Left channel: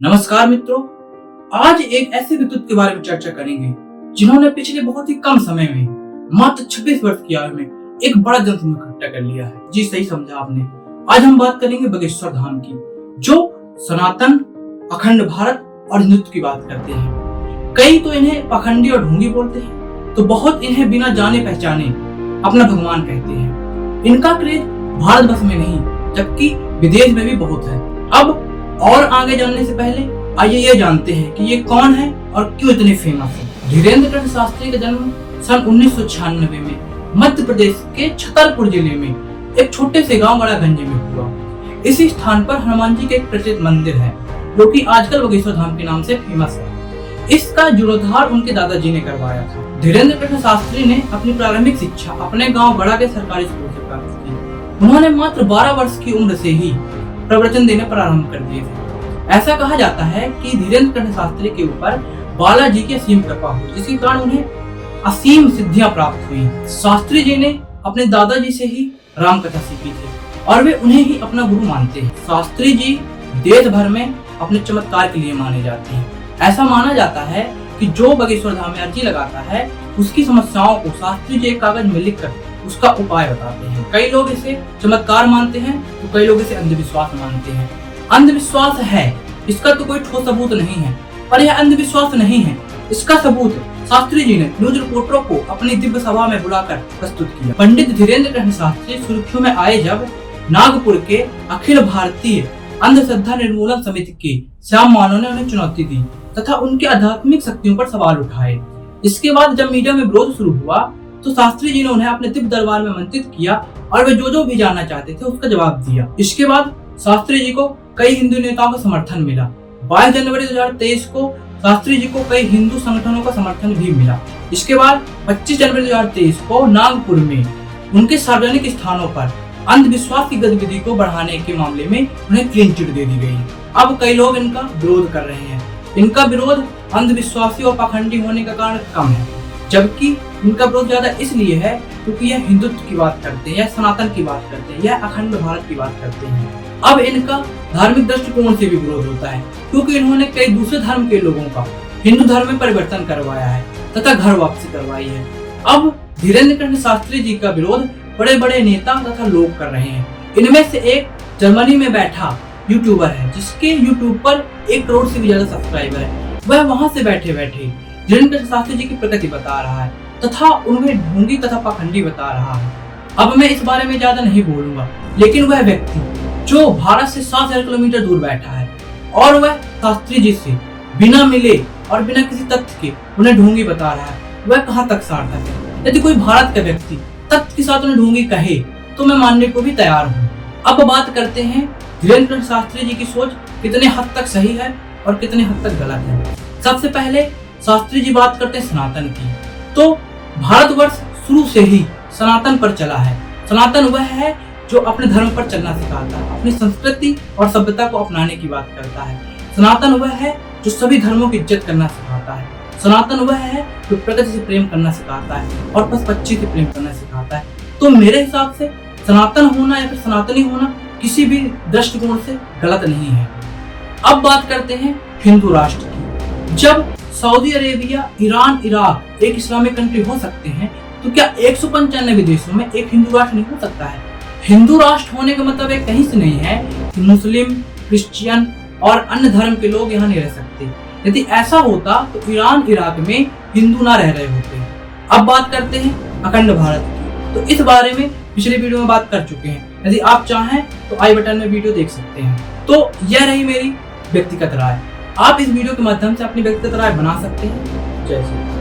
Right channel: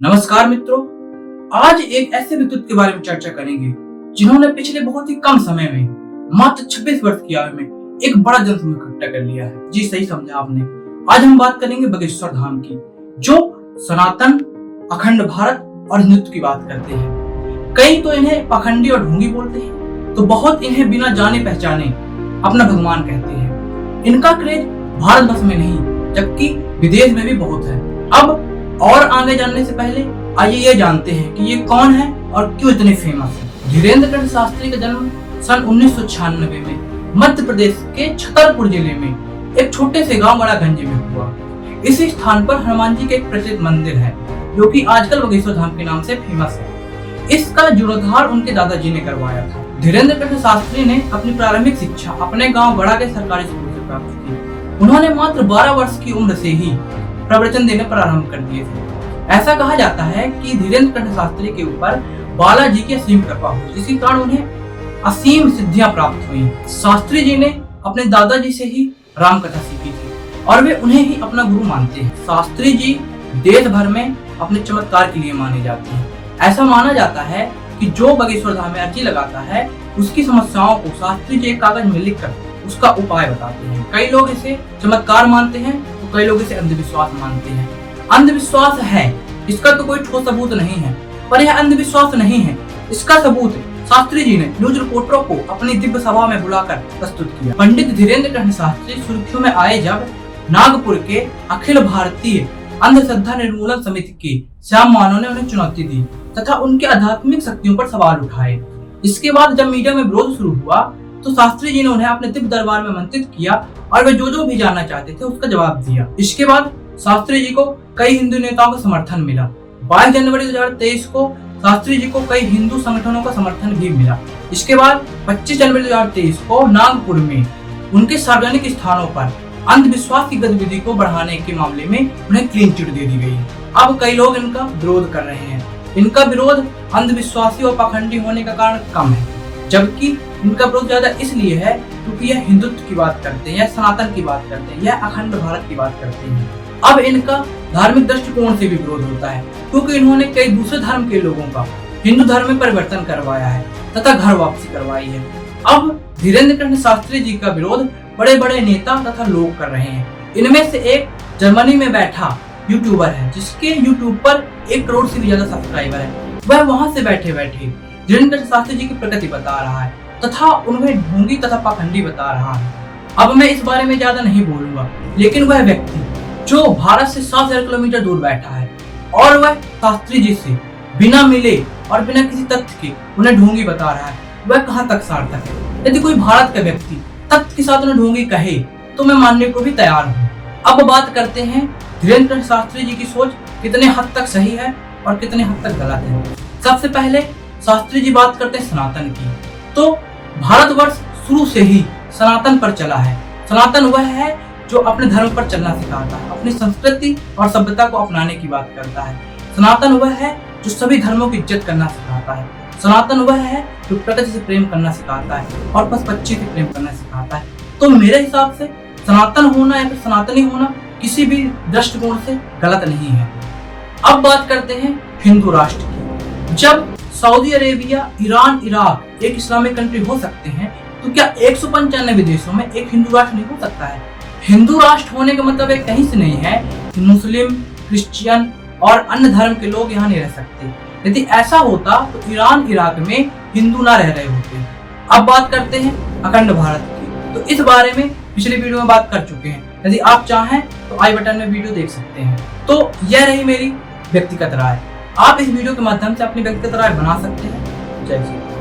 नमस्कार मित्रों, आज एक ऐसे व्यक्तित्व के बारे में चर्चा करेंगे जिन्होंने पिछले बहुत ही कम समय में मात्र 26 वर्ष की आयु में एक बड़ा जनसमूह इकट्ठा कर लिया है। जी सही समझा आपने। आज हम बात करेंगे बागेश्वर धाम की, जो सनातन, अखंड भारत और हिंदुत्व की बात करते हैं। कई तो इन्हें पाखंडी और ढोंगी बोलते हैं, तो बहुत इन्हें बिना जाने पहचाने अपना भगवान कहते हैं। इनका क्रेज भारत बस में नहीं जबकि विदेश में भी बहुत है। अब और आगे जानने से पहले आइए ये जानते हैं कि ये कौन है और क्यों इतने फेमस है। धीरेन्द्र कृष्ण शास्त्री का जन्म सन 1996 में मध्य प्रदेश के छतरपुर जिले में एक छोटे से गांव गड़ागंज में हुआ। इसी स्थान पर हनुमान जी का एक प्रसिद्ध मंदिर है जो कि आजकल बागेश्वर धाम के नाम से फेमस है। इसका जीर्णोद्धार उनके दादाजी ने करवाया था। धीरेन्द्र कृष्ण शास्त्री ने अपनी प्रारंभिक शिक्षा अपने गाँव गड़ा के सरकारी स्कूल से प्राप्त की। उन्होंने मात्र 12 वर्ष की उम्र से ही प्रवचन देने प्रारंभ कर दिए थे। ऐसा कहा जाता है कि धीरेन्द्र कृष्ण शास्त्री के ऊपर बालाजी की असीम कृपा हुई, जिसके कारण उन्हें असीम सिद्धियां प्राप्त हुई। शास्त्री जी ने अपने दादाजी से ही राम कथा सीखी थी और वे उन्हें ही अपना गुरु मानते हैं। शास्त्री जी देश भर में अपने चमत्कार के लिए माने जाते हैं। ऐसा माना जाता है कि जो बागेश्वर धाम में अर्जी लगाता है उसकी समस्याओं को शास्त्री जी एक कागज में लिखकर उसका उपाय बताते हैं। कई लोग इसे चमत्कार मानते हैं तो कई लोग इसे अंधविश्वास मानते हैं। अंधविश्वास है, इसका तो कोई ठोस सबूत नहीं है, पर यह अंधविश्वास नहीं है, इसका सबूत शास्त्री जी ने न्यूज रिपोर्टरों को अपनी दिव्य सभा में बुलाकर प्रस्तुत किया। पंडित धीरेन्द्र कृष्ण शास्त्री सुर्खियों में आए जब नागपुर के अखिल भारतीय अंधश्रद्धा निर्मूलन समिति के श्याम मानव ने उन्हें चुनौती दी तथा उनके आध्यात्मिक शक्तियों पर सवाल उठाए। इसके बाद जब मीडिया में विरोध शुरू हुआ तो शास्त्री जी ने उन्हें अपने दिव्य दरबार में आमंत्रित किया और वे जो भी जानना चाहते थे उसका जवाब दिया। इसके बाद शास्त्री जी को कई हिंदू नेताओं का समर्थन मिला। 22 जनवरी 2023 को शास्त्री जी को कई हिंदू संगठनों का समर्थन भी मिला। इसके बाद 25 जनवरी 2023 को नागपुर में उनके सार्वजनिक स्थानों पर अंधविश्वास की गतिविधि को बढ़ाने के मामले में उन्हें क्लीन चिट दे दी गई। अब कई लोग इनका विरोध कर रहे हैं। इनका विरोध अंधविश्वासी और पाखंडी होने का कारण कम है, जबकि इनका विरोध ज्यादा इसलिए है क्योंकि यह हिंदुत्व की बात करते हैं, यह सनातन की बात करते हैं, यह अखंड भारत की बात करते हैं। अब इनका धार्मिक दृष्टिकोण से भी विरोध होता है क्योंकि इन्होंने कई दूसरे धर्म के लोगों का हिंदू धर्म में परिवर्तन करवाया है तथा घर वापसी करवाई है। अब धीरेन्द्र कृष्ण शास्त्री जी का विरोध बड़े बड़े नेता तथा लोग कर रहे हैं। इनमें से एक जर्मनी में बैठा यूट्यूबर है जिसके यूट्यूब पर 1 करोड़ से भी ज्यादा सब्सक्राइबर है। वह वहां से बैठे बैठे धीरेन्द्र कृष्ण शास्त्री जी की प्रगति बता रहा है तथा उन्हें ढोंगी तथा पाखंडी बता रहा है। अब मैं इस बारे में ज्यादा नहीं बोलूंगा, लेकिन वह व्यक्ति जो भारत से 7,000 किलोमीटर दूर बैठा है और वह शास्त्री जी से बिना मिले और बिना किसी तथ्य के उन्हें ढोंगी बता रहा है, वह कहाँ तक सार्थक है। यदि कोई भारत का व्यक्ति तथ्य के साथ उन्हें ढोंगी कहे तो मैं मानने को भी तैयार हूँ। अब बात करते हैं धीरेन्द्र कृष्ण शास्त्री जी की सोच कितने हद तक सही है और कितने हद तक गलत है। सबसे पहले शास्त्री जी बात करते हैं सनातन की, तो भारतवर्ष शुरू से ही सनातन पर चला है। सनातन वह है जो अपने धर्म पर चलना सिखाता है, अपनी संस्कृति और सभ्यता को अपनाने की बात करता है। सनातन वह है जो सभी धर्मों की इज्जत करना सिखाता है। सनातन वह है जो प्रकृति से प्रेम करना सिखाता है और पशु पक्षी से प्रेम करना सिखाता है। तो मेरे हिसाब से सनातन होना या फिर सनातनी होना किसी भी दृष्टिकोण से गलत नहीं है। अब बात करते हैं हिंदू राष्ट्र की। जब सऊदी अरेबिया, ईरान, इराक एक इस्लामिक कंट्री हो सकते हैं तो क्या 195 देशों में एक हिंदू राष्ट्र नहीं हो सकता है? हिंदू राष्ट्र होने का मतलब एक कहीं से नहीं है कि मुस्लिम, क्रिश्चियन और अन्य धर्म के लोग यहाँ नहीं रह सकते। यदि ऐसा होता तो ईरान, इराक में हिंदू ना रह रहे होते। अब बात करते हैं अखंड भारत की, तो इस बारे में पिछले वीडियो में बात कर चुके हैं। यदि आप चाहें तो आई बटन में वीडियो देख सकते हैं। तो यह रही मेरी व्यक्तिगत राय। आप इस वीडियो के माध्यम से अपनी व्यक्तिगत राय बना सकते हैं। जय श्री राम।